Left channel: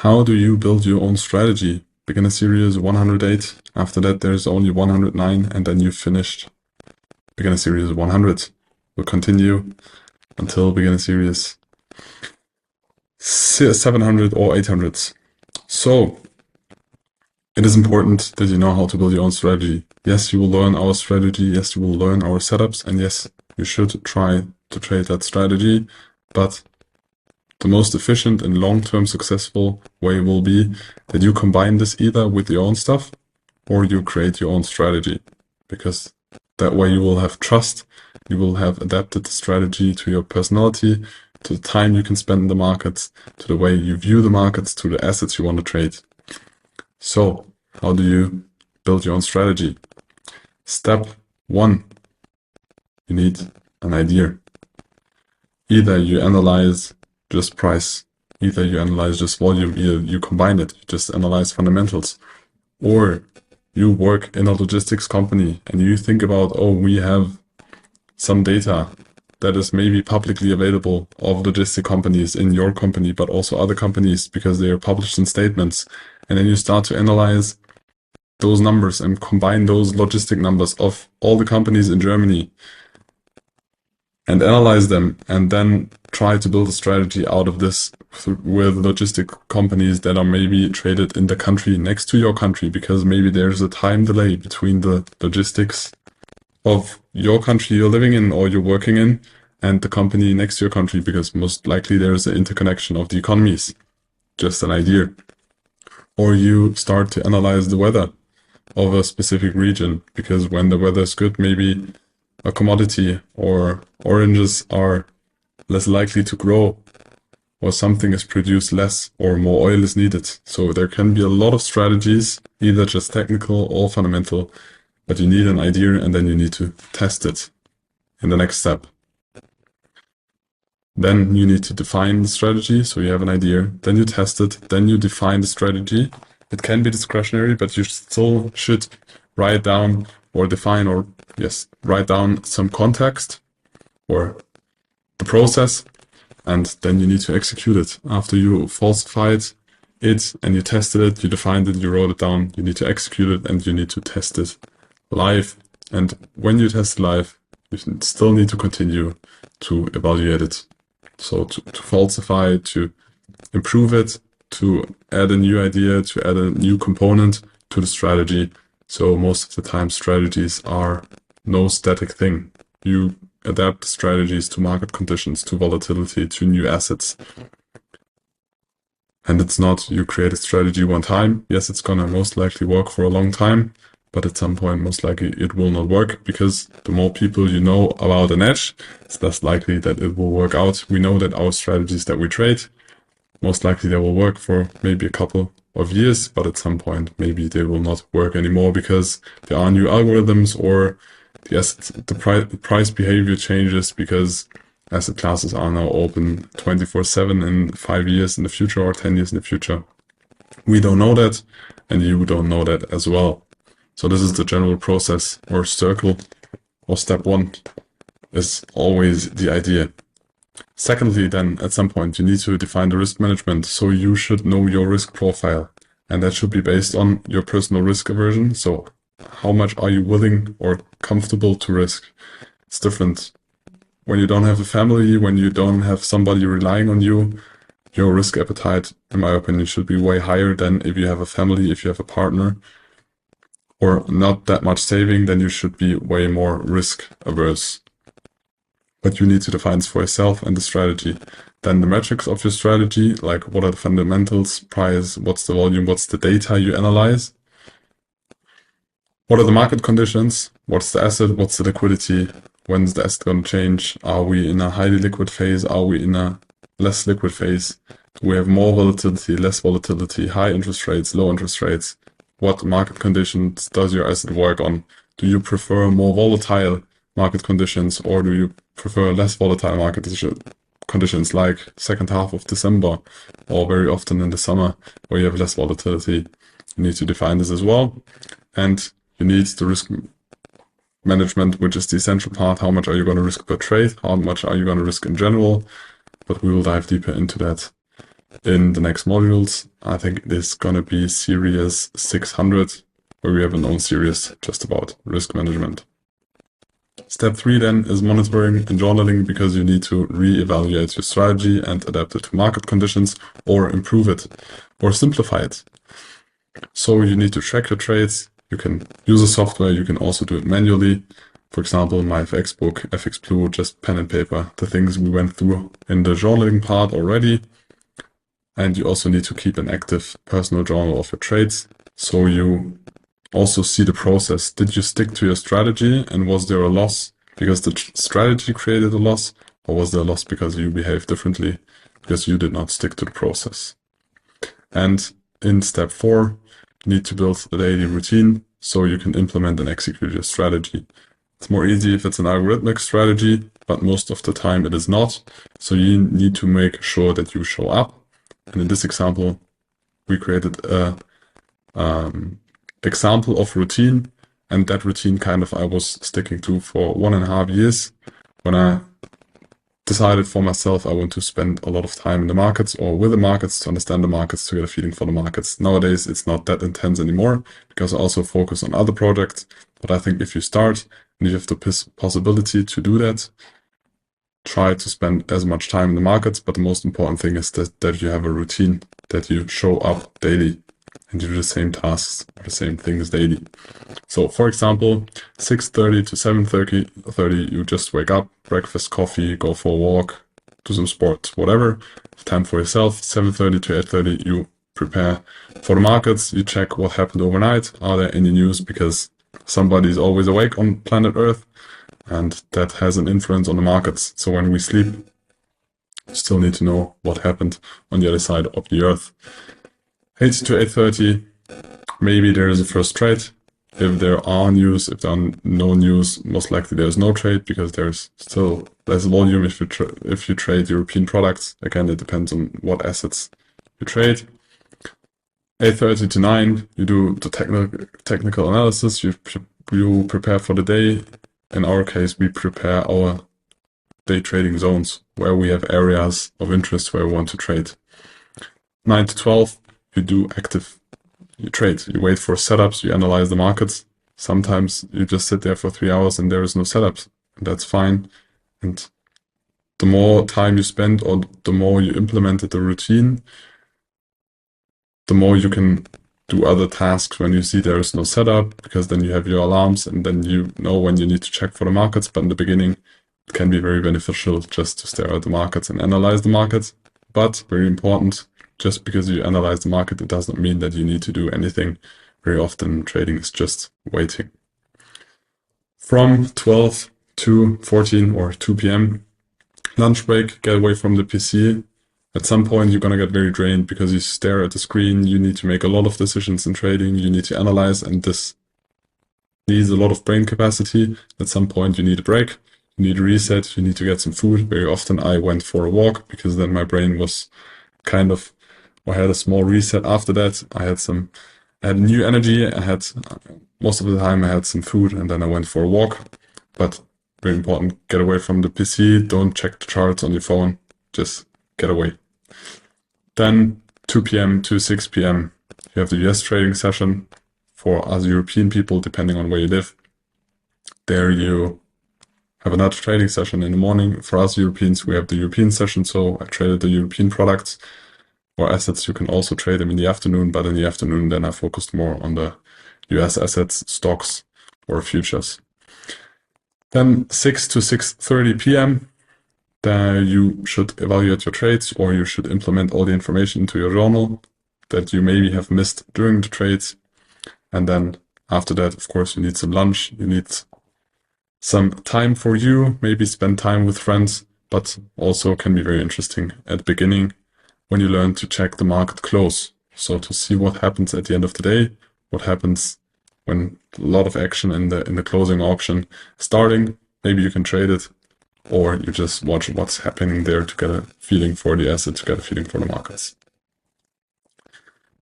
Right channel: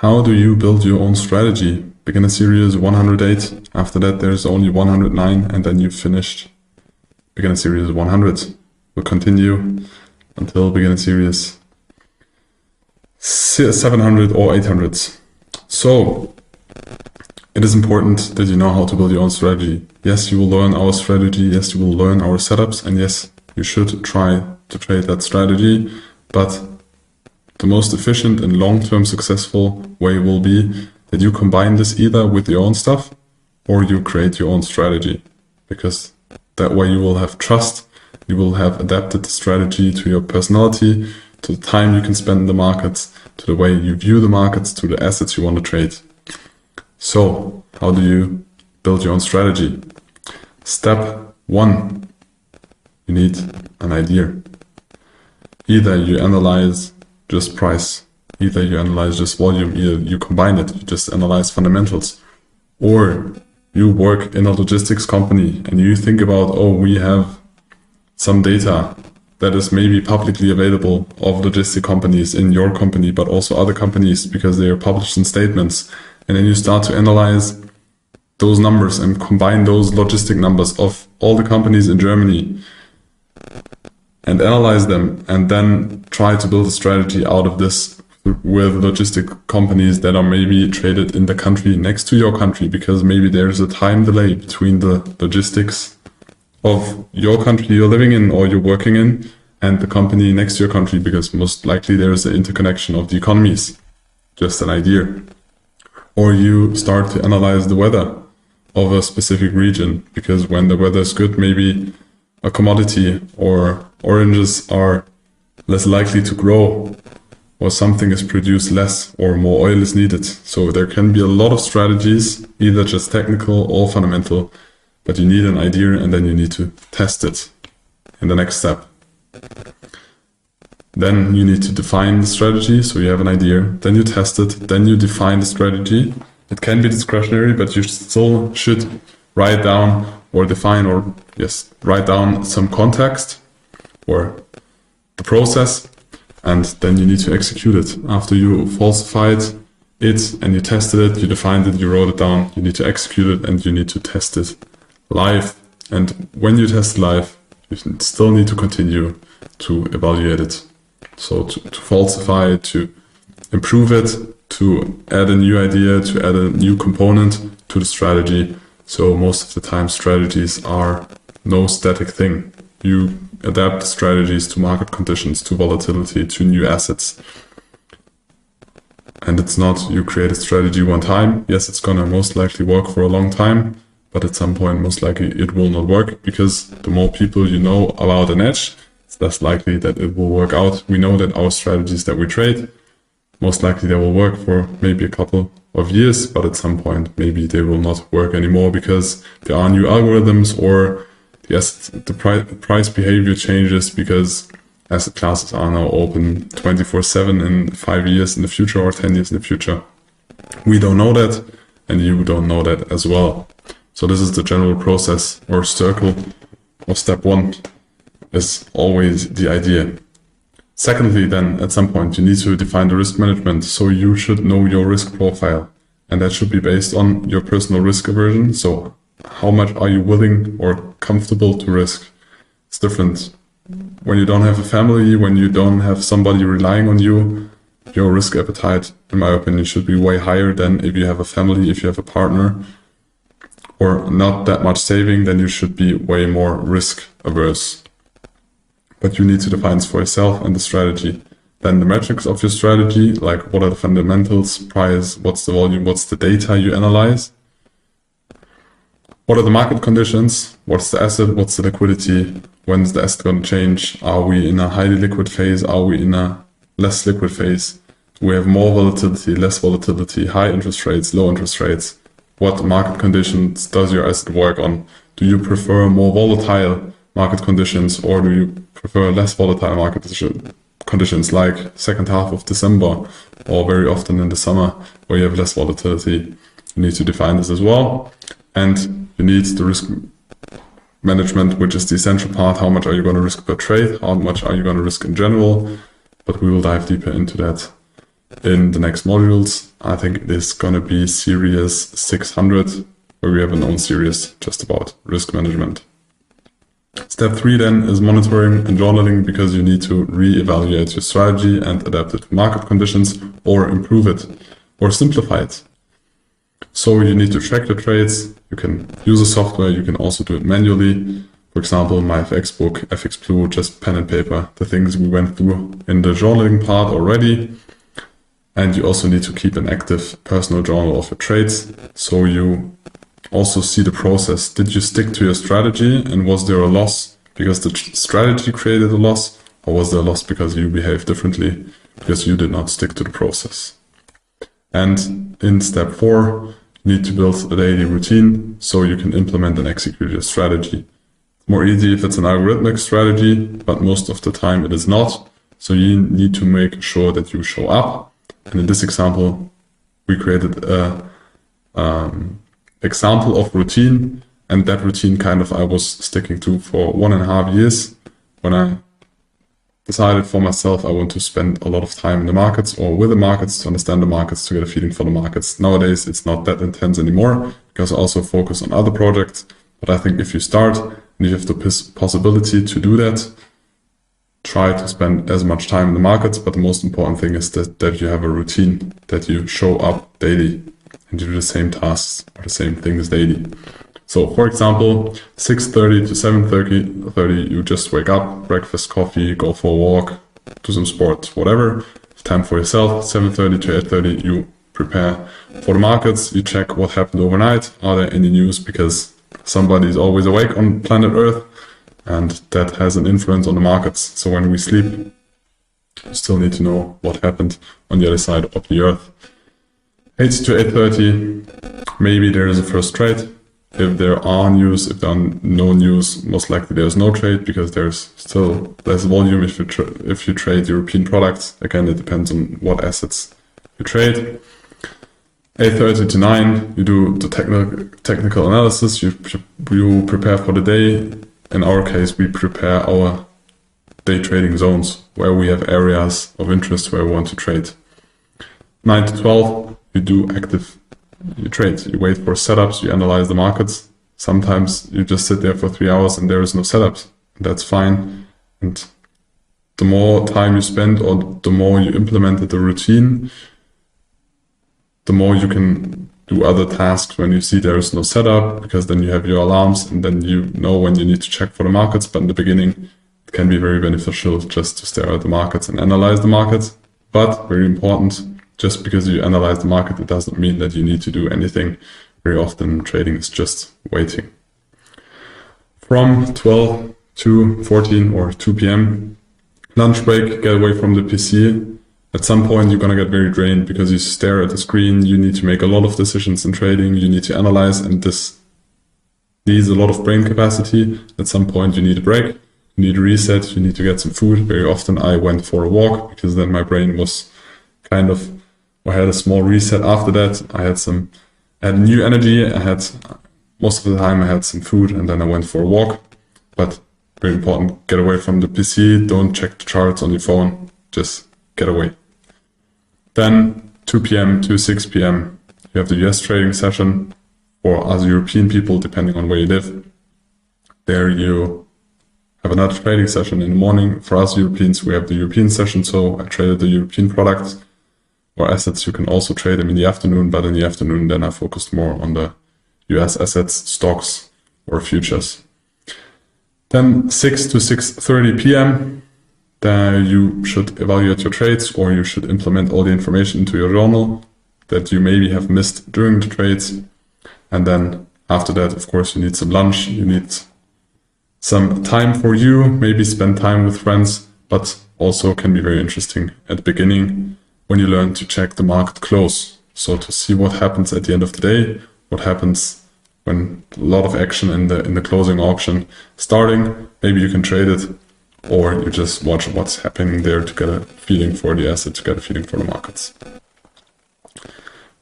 How do you build your own strategy? Beginner series 108, after that there's only 109, and then you've finished beginner series 100. We'll continue until beginner series 700 or 800. So, it is important that you know how to build your own strategy. Yes, you will learn our strategy, yes, you will learn our setups, and yes, you should try to trade that strategy, but the most efficient and long-term successful way will be that you combine this either with your own stuff or you create your own strategy, because that way you will have trust, you will have adapted the strategy to your personality, to the time you can spend in the markets, to the way you view the markets, to the assets you want to trade. So, how do you build your own strategy? Step 1, you need an idea. Either you analyze just price, either you analyze just volume, either you combine it, you just analyze fundamentals, or you work in a logistics company and you think about, oh, we have some data that is maybe publicly available of logistic companies in your company, but also other companies because they are published in statements. And then you start to analyze those numbers and combine those logistic numbers of all the companies in Germany and analyze them, and then try to build a strategy out of this with logistic companies that are maybe traded in the country next to your country, because maybe there's a time delay between the logistics of your country you're living in or you're working in and the company next to your country, because most likely there's an interconnection of the economies. Just an idea. Or you start to analyze the weather of a specific region, because when the weather is good, maybe a commodity or oranges are less likely to grow, or something is produced less, or more oil is needed. So there can be a lot of strategies, either just technical or fundamental, but you need an idea and then you need to test it in the next step. Then you need to define the strategy, so you have an idea, then you test it, then you define the strategy. It can be discretionary, but you still should write down or define, or yes, write down some context or the process, and then you need to execute it. After you falsified it and you tested it, you defined it, you wrote it down, you need to execute it and you need to test it live. And when you test live, you still need to continue to evaluate it. So to falsify it, to improve it, to add a new idea, to add a new component to the strategy. So most of the time strategies are no static thing. You adapt strategies to market conditions, to volatility, to new assets. And it's not you create a strategy one time. Yes, it's gonna most likely work for a long time, but at some point most likely it will not work, because the more people you know about an edge, it's less likely that it will work out. We know that our strategies that we trade, most likely they will work for maybe a couple of years, but at some point maybe they will not work anymore because there are new algorithms, or yes, the price behavior changes because asset classes are now open 24/7 in 5 years in the future or 10 years in the future. We don't know that, and you don't know that as well. So this is the general process or circle, or step 1 is always the idea. Secondly, then, at some point, you need to define the risk management. So you should know your risk profile, and that should be based on your personal risk aversion. So how much are you willing or comfortable to risk? It's different. When you don't have a family, when you don't have somebody relying on you, your risk appetite, in my opinion, should be way higher than if you have a family, if you have a partner, or not that much saving, then you should be way more risk averse. But you need to define for yourself and the strategy. Then the metrics of your strategy, like what are the fundamentals, price, what's the volume, what's the data you analyze, what are the market conditions, what's the asset, what's the liquidity, when's the asset going to change, are we in a highly liquid phase, are we in a less liquid phase, do we have more volatility, less volatility, high interest rates, low interest rates, what market conditions does your asset work on, do you prefer more volatile market conditions, or do you prefer less volatile market conditions, like second half of December or very often in the summer where you have less volatility? You need to define this as well. And you need the risk management, which is the essential part. How much are you going to risk per trade? How much are you going to risk in general? But we will dive deeper into that in the next modules. I think it is going to be series 600, where we have a known series just about risk management. Step 3 then is monitoring and journaling, because you need to re-evaluate your strategy and adapt it to market conditions, or improve it, or simplify it. So you need to track the trades. You can use a software, you can also do it manually. For example, my FX book, FX Blue, just pen and paper, the things we went through in the journaling part already. And you also need to keep an active personal journal of your trades, so you also see the process. Did you stick to your strategy, and was there a loss because the strategy created a loss, or was there a loss because you behaved differently because you did not stick to the process? And in step 4, you need to build a daily routine so you can implement and execute your strategy. It's more easy if it's an algorithmic strategy, but most of the time it is not. So you need to make sure that you show up. And in this example, we created a example of routine, and that routine I was sticking to for 1.5 years. When I decided for myself I want to spend a lot of time in the markets, or with the markets, to understand the markets, to get a feeling for the markets. Nowadays it's not that intense anymore, because I also focus on other projects. But I think if you start and you have the possibility to do that, try to spend as much time in the markets. But the most important thing is that you have a routine, that you show up daily and do the same tasks or the same things daily. So for example, 6:30 to 7:30, you just wake up, breakfast, coffee, go for a walk, do some sports, whatever, time for yourself. 7:30 to 8:30, you prepare for the markets, you check what happened overnight. Are there any news? Because somebody is always awake on planet Earth, and that has an influence on the markets. So when we sleep, you still need to know what happened on the other side of the Earth. 8 to 8:30, maybe there is a first trade. If there are news, if there are no news, most likely there's no trade, because there's still less volume if you trade European products. Again, it depends on what assets you trade. 8:30 to 9, you do the technical analysis, you prepare for the day. In our case, we prepare our day trading zones, where we have areas of interest where we want to trade. 9 to 12, you do you trade. You wait for setups, you analyze the markets. Sometimes you just sit there for 3 hours and there is no setups. That's fine. And the more time you spend, or the more you implemented the routine, the more you can do other tasks when you see there is no setup, because then you have your alarms and then you know when you need to check for the markets. But in the beginning, it can be very beneficial just to stare at the markets and analyze the markets. But very important, just because you analyze the market, it doesn't mean that you need to do anything. Very often trading is just waiting. From 12 to 14 or 2 p.m, lunch break, get away from the PC. At some point you're gonna get very drained, because you stare at the screen, you need to make a lot of decisions in trading, you need to analyze, and this needs a lot of brain capacity. At some point you need a break, you need a reset, you need to get some food. Very often I went for a walk, because then my brain was I had a small reset after that. I had new energy. Most of the time I had some food, and then I went for a walk. But very important, get away from the PC, don't check the charts on your phone, just get away. Then 2 p.m. to 6 p.m, you have the US trading session. For us European people, depending on where you live, there you have another trading session in the morning. For us Europeans, we have the European session, so I traded the European products or assets. You can also trade them in the afternoon, but in the afternoon then I focused more on the US assets, stocks, or futures. Then 6 to 6:30 p.m, then you should evaluate your trades, or you should implement all the information into your journal that you maybe have missed during the trades. And then after that, of course, you need some lunch, you need some time for you, maybe spend time with friends, but also can be very interesting at the beginning when you learn to check the market close. So to see what happens at the end of the day, what happens when a lot of action in the closing auction starting. Maybe you can trade it, or you just watch what's happening there to get a feeling for the asset, to get a feeling for the markets.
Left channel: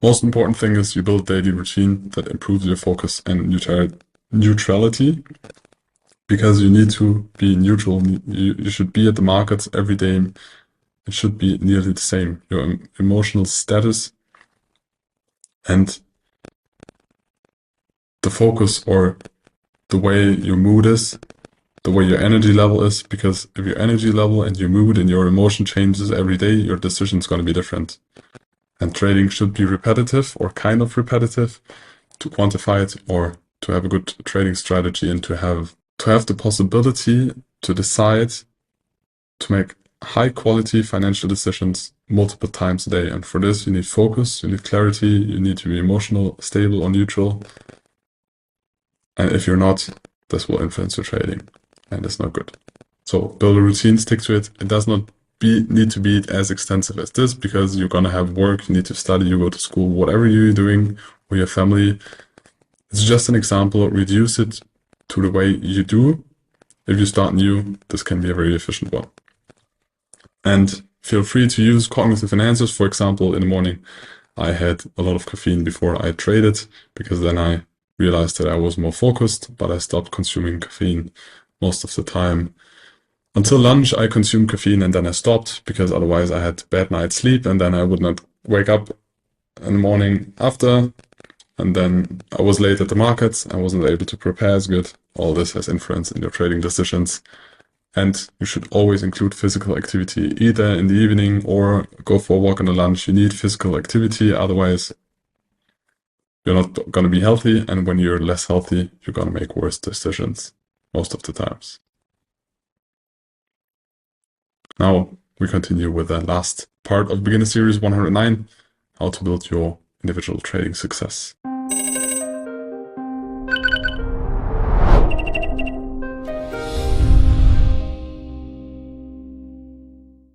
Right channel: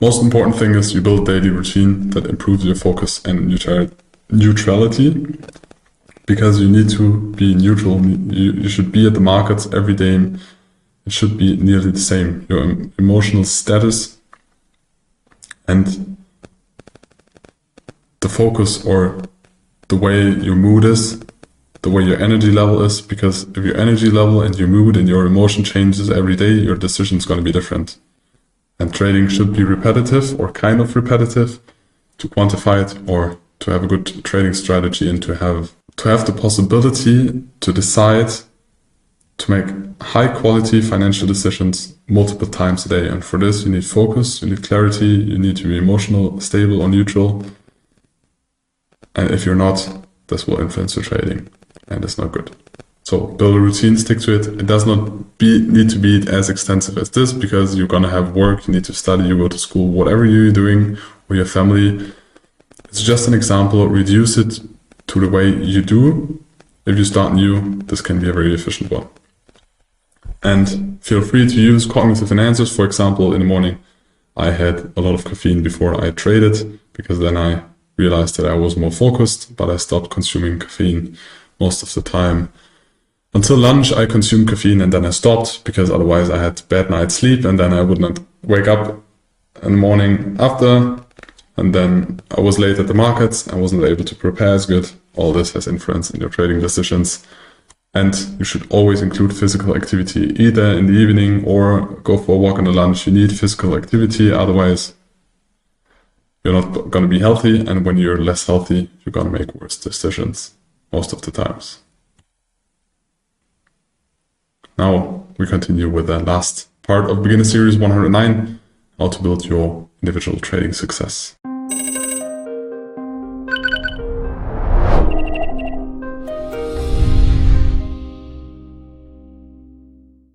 Most important thing is you build a daily routine that improves your focus and neutrality, because you need to be neutral. You should be at the markets every day, it should be nearly the same. Your emotional status and the focus or the way your mood is, the way your energy level is, because if your energy level and your mood and your emotion changes every day, your decision's going to be different. And trading should be repetitive or kind of repetitive to quantify it or to have a good trading strategy and to have the possibility to decide to make high quality financial decisions multiple times a day. And for this, you need focus, you need clarity, you need to be emotional, stable or neutral. And if you're not, this will influence your trading and it's not good. So build a routine, stick to it. It does not need to be as extensive as this because you're going to have work, you need to study, you go to school, whatever you're doing with your family. It's just an example. Reduce it to the way you do. If you start new, this can be a very efficient one. And feel free to use cognitive enhancers. For example, in the morning, I had a lot of caffeine before I traded because then I realized that I was more focused, but I stopped consuming caffeine most of the time. Until lunch, I consumed caffeine and then I stopped because otherwise I had bad night's sleep and then I would not wake up in the morning after. And then I was late at the markets. I wasn't able to prepare as good. All this has influence in your trading decisions. And you should always include physical activity, either in the evening or go for a walk on the lunch. You need physical activity, otherwise you're not going to be healthy. And when you're less healthy, you're going to make worse decisions most of the times. Now we continue with the last part of Beginner Series 109, how to build your individual trading success.